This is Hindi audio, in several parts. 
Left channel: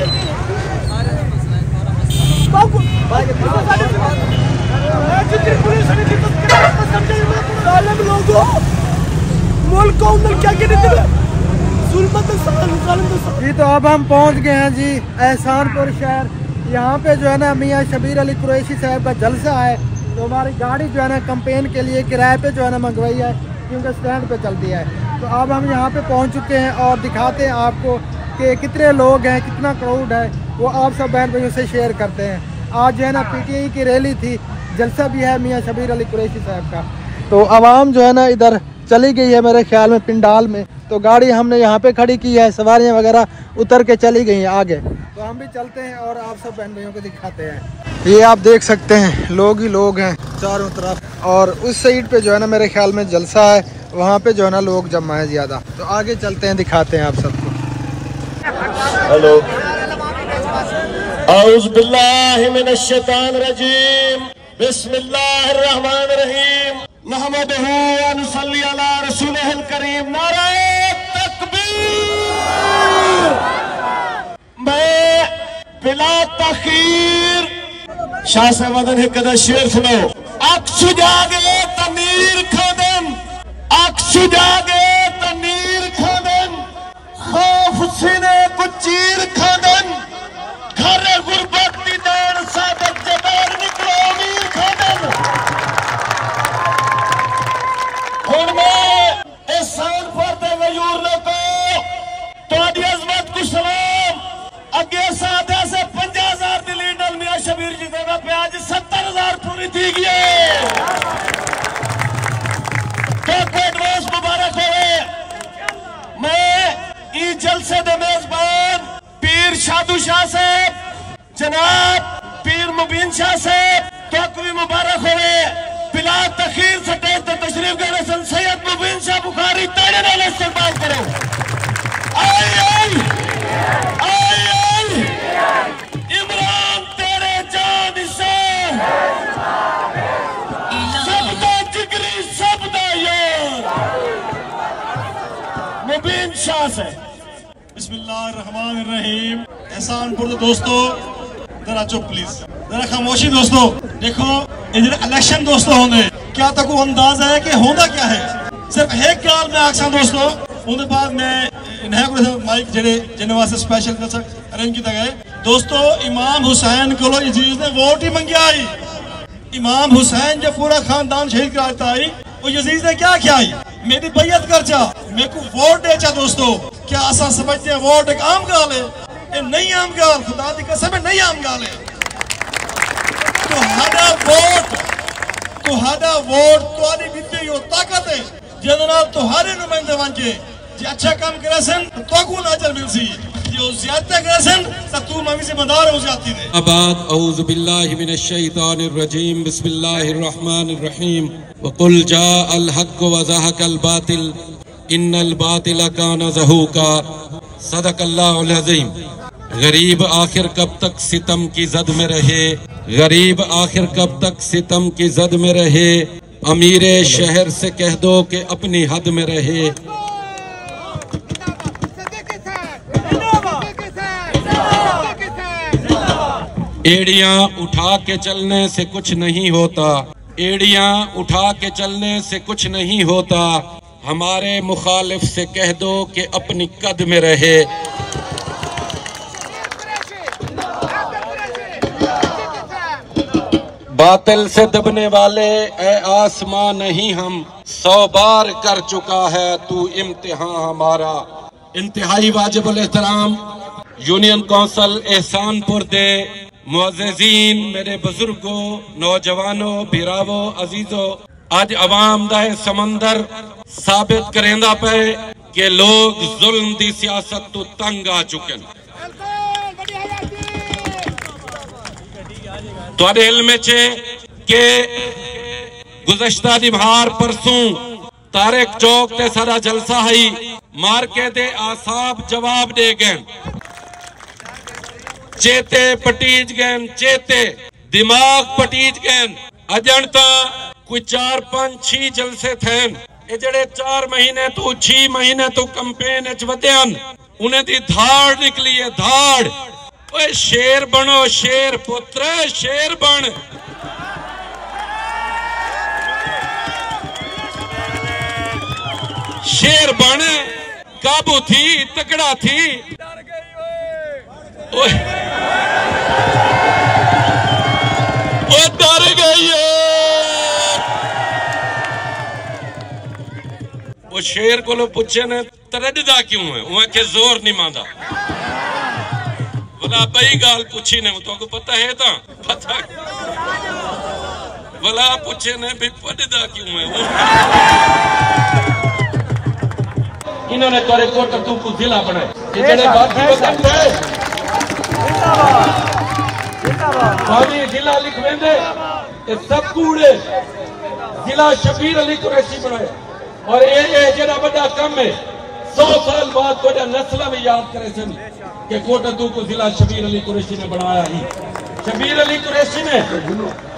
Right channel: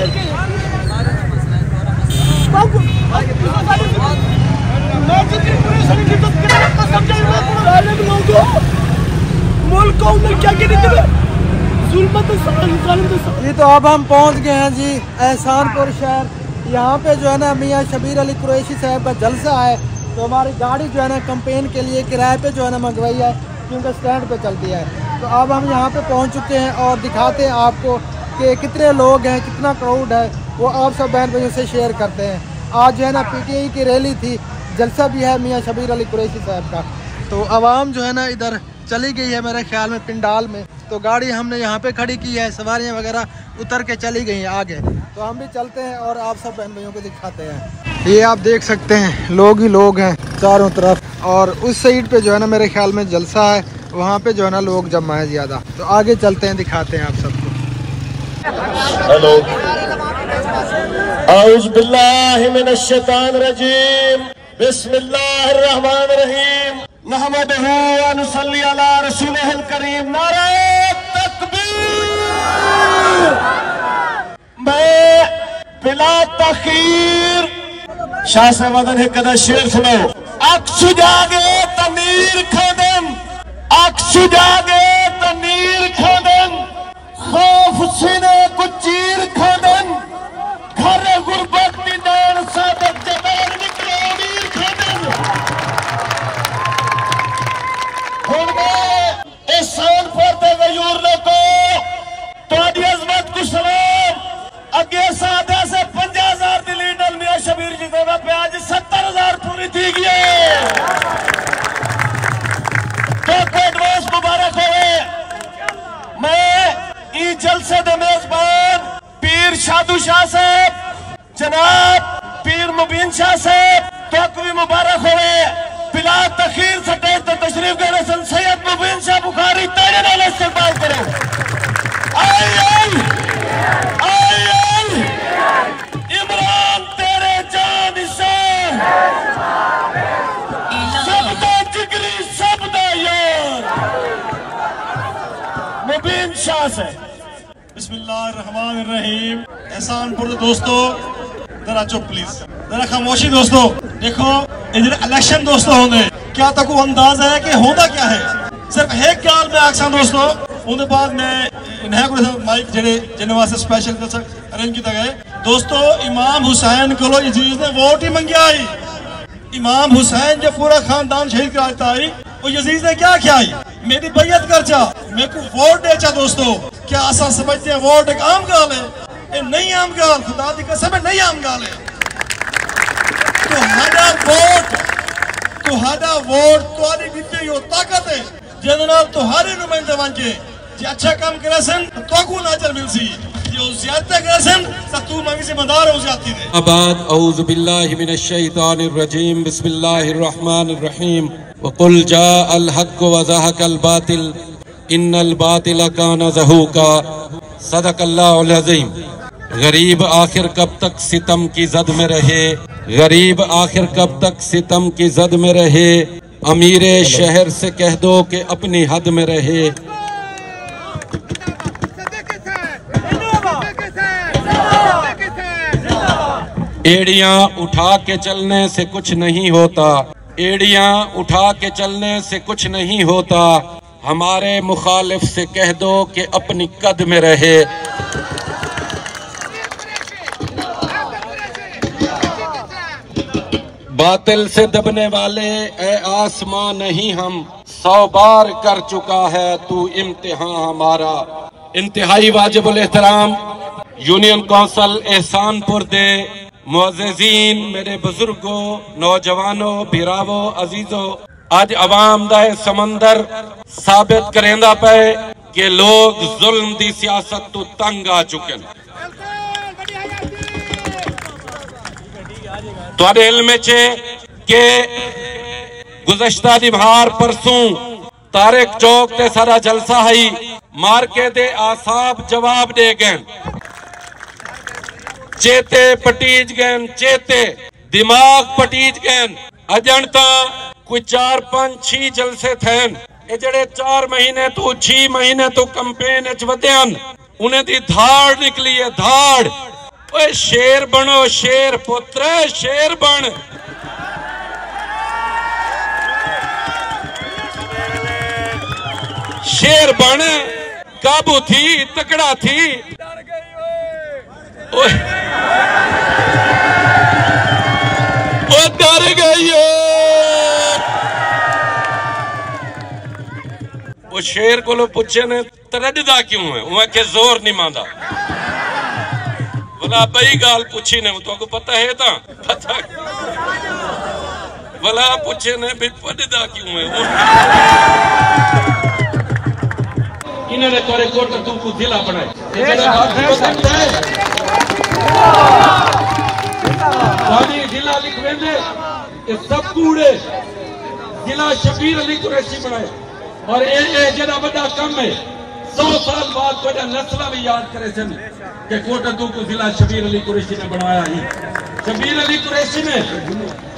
जी तो अब हम पहुंच गए हैं जी एहसानपुर शहर। यहाँ पे जो है ना मियाँ शबीर अली कुरैशी साहब का जलसा है, तो हमारी गाड़ी जो है ना कैंपेन के लिए किराए पे जो है ना मंगवाई है, क्योंकि स्टैंड पे चलती है। तो अब हम यहाँ पे पहुँच चुके हैं और दिखाते हैं आपको कि कितने लोग हैं, कितना क्राउड है, वो आप सब बहन भाइयों से शेयर करते हैं। आज जो है ना PTI की रैली थी, जलसा भी है मियाँ शबीर अली कुरैशी साहब का। तो आवाम जो है ना इधर चली गई है मेरे ख्याल में पिंडाल में, तो गाड़ी हमने यहाँ पे खड़ी की है, सवारियाँ वगैरह उतर के चली गई हैं आगे। तो हम भी चलते हैं और आप सब बहन भाइयों को दिखाते हैं। ये आप देख सकते हैं लोग ही लोग हैं चारों तरफ, और उस साइड पे जो है ना मेरे ख्याल में जलसा है, वहाँ पे जो है ना लोग जमा है ज्यादा। तो आगे चलते हैं, दिखाते हैं आप सबको। हेलो, औज़ बिल्लाहि मिनश शैतानिर रजीम, बिस्मिल्लाहिर्रहमानिर्रहीम, नहमदुहु व नुसल्ली अला रसूलिहिल करीम। नारा तकबीर। मैं बिला तखीर शाह साहब ने कदा शेर सुनो। अक्सु जागे तमीर खोदन, अक्सु जागे तमीर खोदन, खौफ सीने कुचीर खोदन, घर गुरबत दीदार सादत जबैर निकलो अमीर खोदन। एहसानपुर दे गयूर लोगो तुहाडी अज़मत को सलाम। अगे सादे से 50,000 दी लीडर मियां शबीर जी देना पे आज 70,000 पूरी थी गई। तो एडवांस मुबारक होवे। मैं ई जलसे दे मेजबान पीर साधु शाह साहब, जनाब पीर मुबीन शाह साहब तो भी मुबारक होवे। बिला तखीर स्टेज पे तशरीफ गए सन सैयद मुबीन शाह बुखारी, ताड़े नाल इस्तेमाल करो। आई आई आई आई इमरान तेरे जान निशान, सबदा जिगरी सबदा यार मुबीन शाह से। बिस्मिल्लाहिर्रहमानिर्रहीम। एहसानपुर दोस्तों जरा चुप प्लीज, जरा खामोशी दोस्तों। देखो इधर इलेक्शन दोस्तों होंगे, क्या तक अंदाज है कि होता क्या है। सिर्फ एक गल मैं आखसा दोस्तों, उनके बाद मैं इन्हें माइक जेडे जिन्हें वास्ते स्पेशल अरेंज किया गया। दोस्तों इमाम हुसैन को यजीज ने वोट ही मंगिया आई। इमाम हुसैन जब पूरा खानदान शहीद कराता आई, वो यजीज ने क्या किया, मेरी बैयत कर चा, मेरे को वोट दे चा। दोस्तों क्या ऐसा समझते हैं वोट एक आम गाल है? ये नहीं आम गाल, खुदा दी कसम है नहीं आम गाल है। तुहाड़ा वोट तुहारी दित्ती हो ताकत है, जिहदे नाल तुहारे नुमाइंदे वंजे जे अच्छा काम करे सन तो को नजर मिलसी, जो ज्यादती करे सन तो तू मंगी जिम्मेदार हो जाती है। अबाद औज़ु बिल्लाहि मिनश शैतानिर रजीम, बिस्मिल्लाहिर रहमानिर रहीम। वक़ुल जाअल हक़्क़ु व ज़हक़ल बातिल इन्नल बातिल काना ज़हूक़ा, सदक़ल्लाहुल अज़ीम। गरीब आखिर कब तक सितम की जद में रहे, गरीब आखिर कब तक सितम की जद में रहे, अमीरे शहर से कह दो कि अपनी हद में रहे। एड़ियां उठा के चलने से कुछ नहीं होता, एड़ियां उठा के चलने से कुछ नहीं होता, हमारे मुखालिफ से कह दो कि अपनी कद में रहे। बातिल से दबने वाले ए आसमां नहीं हम, 100 बार कर चुका है तू इम्तिहान हमारा। इंतहाई वाजिबुल एहतराम यूनियन कौंसल एहसानपुर दे मुअज़्ज़िज़ीन, मेरे बुजुर्गों, नौजवानों, बिरावो, अजीजों, आज अवाम दा समंदर साबित करेंदा पे कि लोग जुल्म दी सियासत तो तंग आ चुके हैं। तुहाडे इल्म च के गुज़श्ता दी बाहर परसों तारिक चौक ते सारा जलसा है, मार्के दे आसाब जवाब दे गए, चेते पटीज गए, चेते दिमाग पटीज गए। अजन तो कोई 4, 5, 6 जलसे थे, ये जड़े 4 महीने तो 6 महीने तो कैंपेन वधन, उन्हें दी धाड़ निकली है, धाड़ ओए शेर बनो, शेर पुत्र शेर बन। शेर बन, काबू थी, तकड़ा थी। ओए ओ डर गई। वो शेर को पूछे ने तरजदा क्यों है, वह के जोर नहीं मांदा। बोला बई गाल पूछी ने, तो पता है ता पता बोला पूछे ने भी पढ़दा क्यों है। इन्होंने तोरे कोट तुमको जिला बना जिला लिख दे, सब कूड़े जिला शबीर अली कुरैशी बनाया। और ये जरा बड़ा कम है, 100 साल बाद तो नस्ल भी याद करे सन कि कोटदू को जिला शबीर अली कुरैशी ने बनाया ही। शबीर अली कुरैशी ने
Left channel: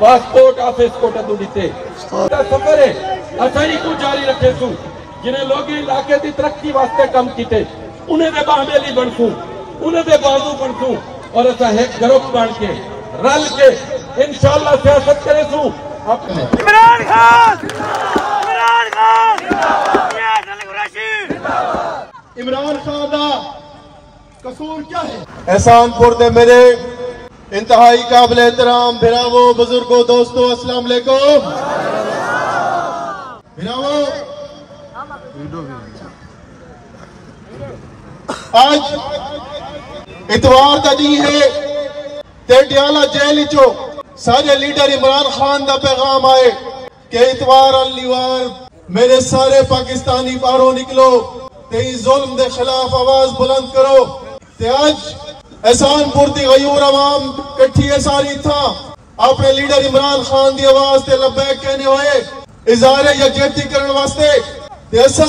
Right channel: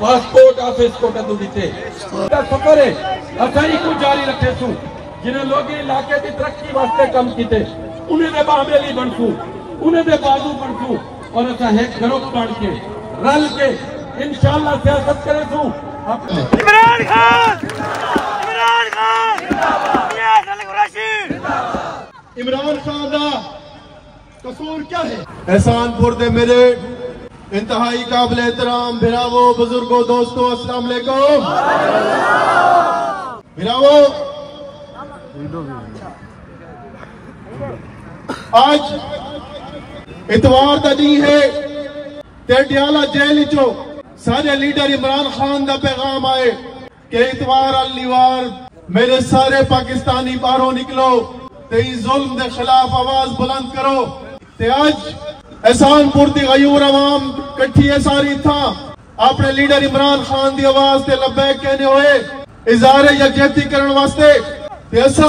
पासपोर्ट ऑफिस कोटदू दीते सफर है असाई को जारी रखे सू, जिन्हें लोग इलाके की तरक्की वास्ते कम किते, उन्हें दे बाहमेली बनसू, उन्हें दे बाजू बनसू, और ऐसा एक ग्रुप बन के रल के इंशाअल्लाह सियासत करे सू। इमरान खान, इमरान खान जिंदाबाद, अली कुरैशी जिंदाबाद। इमरान खान का कसूर क्या है? एहसानपुर दे मेरे इंतहाई काबिल एहतराम भिरावो, बुजुर्गो, दोस्तों, अस्सलाम वालेकुम। भिरावो, आज इतवार का दिन है ते डियाला जेल चो सारे लीडर इमरान खान का पैगाम आए कि इतवार अल्लीवार मेरे सारे पाकिस्तानी बाहरों निकलो ते जुल्म के खिलाफ आवाज बुलंद करो। ते आज एहसानपुर दी गयूर अवाम कट्ठी है सारी था अपने लीडर इमरान खान की आवाज ते लब्बैक कहने हुए इज़हार यकजहती करने वास्ते ऐसा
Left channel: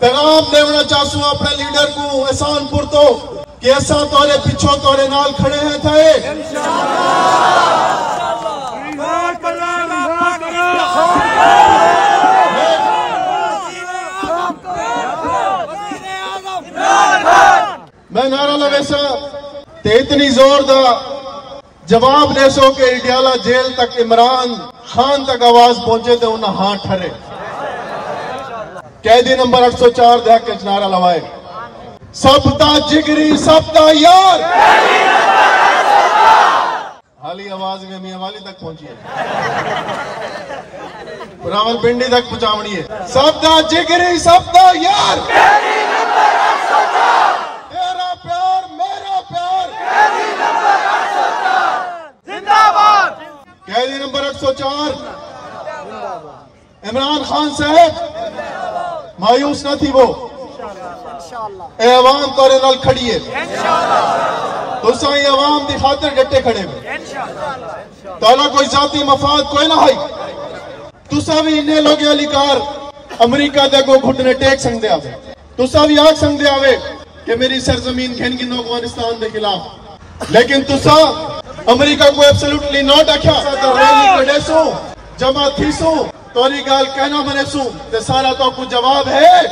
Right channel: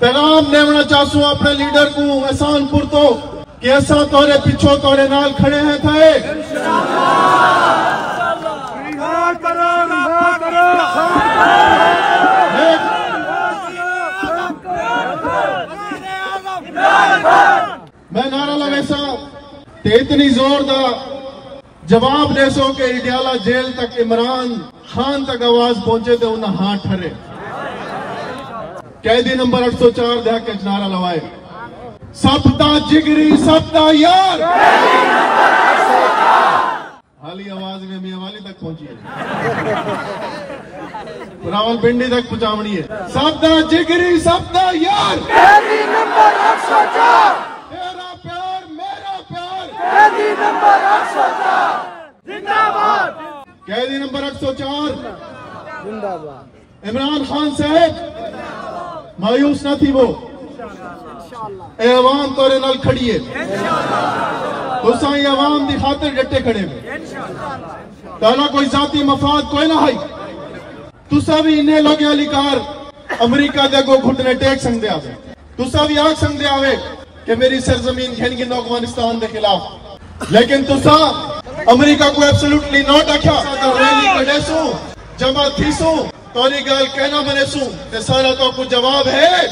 पैगाम देना चाहूँ अपने लीडर को एहसानपुर तो कि ऐसा तोरे पिछो तोरे नाल खड़े हैं थे। मैं नारा लवेसा ते इतनी जोरदार जवाब दे सो के डियाला जेल तक इमरान खान तक आवाज पहुंचे तो उन्हें हाँ ठहरे। कैदी नंबर 804 देख के नारा लवाए, सबदा जिगरी सबदा यार। हाली आवाज में मियां वाली तक पहुंची है, रावलपिंडी तक पहुंचावनी है। सबदा जिगरी सबदा यार, तेरा प्यार मेरा प्यार, जिंदाबाद। कैदी नंबर 804 इमरान खान साहब मायूस न थी वो, ए अवाम तोरे नाल खड़ी है, तुसा ही अवाम दी खातिर डटे खड़े हो, ताला कोई जाती मफाद कोई ना है। तुसा भी इन्हें लोग अलिकार अमेरिका दे को घुटने टेक सकते आवे, तुसा भी आग सकते आवे कि मेरी सरजमीन खेन की अफगानिस्तान के खिलाफ, लेकिन तुसा अमेरिका को एब्सोल्युटली नॉट आख्या। तो रैली कढे सो जमा थी सो तोरी गाल कहना बने सू ते सारा तो कुछ जवाब है,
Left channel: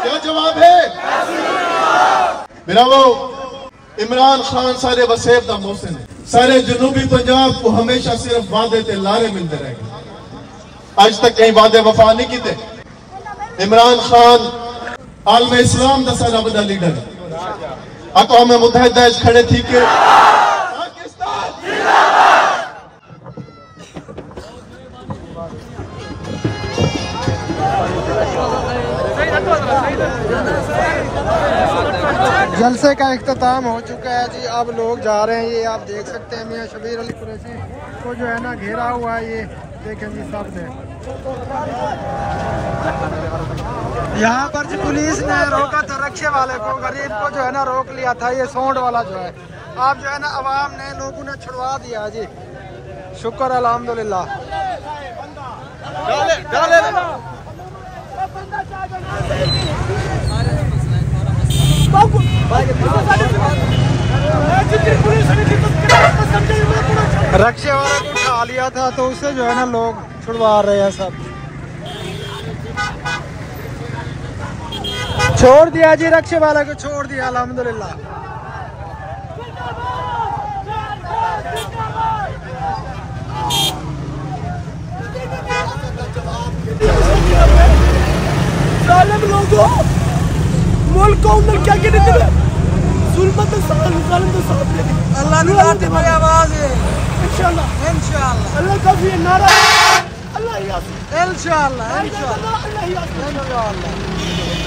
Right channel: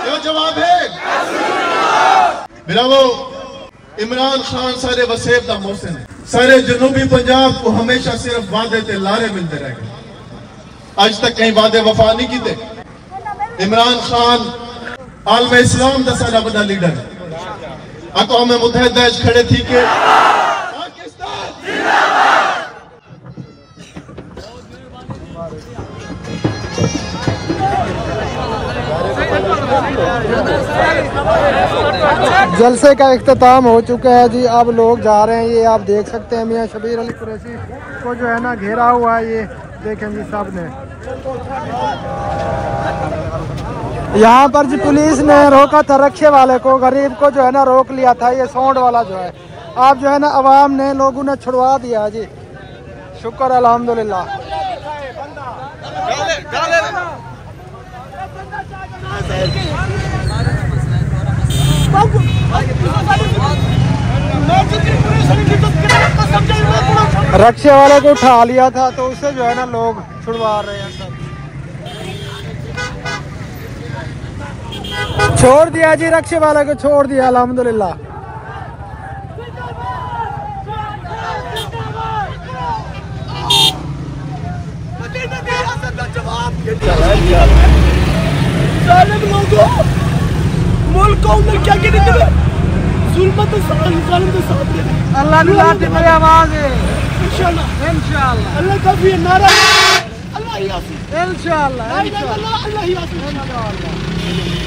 क्या जवाब है मेरा? वो इमरान खान सारे वसेब दा मोहसिन है, सारे जनूबी पंजाब को हमेशा सिर्फ वादे ते लारे मिलते रह गए, आज तक कहीं वादे वफा नहीं किते। इमरान खान आलम इस्लाम दा सारा बड़ा लीडर है, अक़वाम मुत्तहिदा खड़े थी के जलसे का इख्तिताम हो चुका है जी। अब लोग जा रहे हैं, ये आप देख सकते हैं मियां शबीर अली कुरैशी को जो है ना घेरा हुआ है, ये देखें जी सब ने। यहाँ पर जी पुलिस ने रोका था रक्षे वाले को, गरीब को जो है ना रोक लिया था, ये सौंड वाला जो है। आप जो है ना अवाम ने लोगों ने छुड़वा दिया जी, शुक्र अल्हम्दुलिल्लाह। रक्षे वाले को उठा लिया था तो उसे जो है ना लोग छुड़वा रहे हैं, सब छोड़ दिया जी, रक्षे वाले को छोड़ दिया अल्हम्दुलिल्लाह। मुल्क को उन्हें क्या कहते थे जुल्मत ज़ालिम तो साथ दे दे अल्लाह ने लाते मेरी आवाज़ है इंशाल्लाह इंशाल्लाह अल्लाह का भी नारा अल्लाह ही आसी इंशाल्लाह अल्लाह ही आसी इंशाल्लाह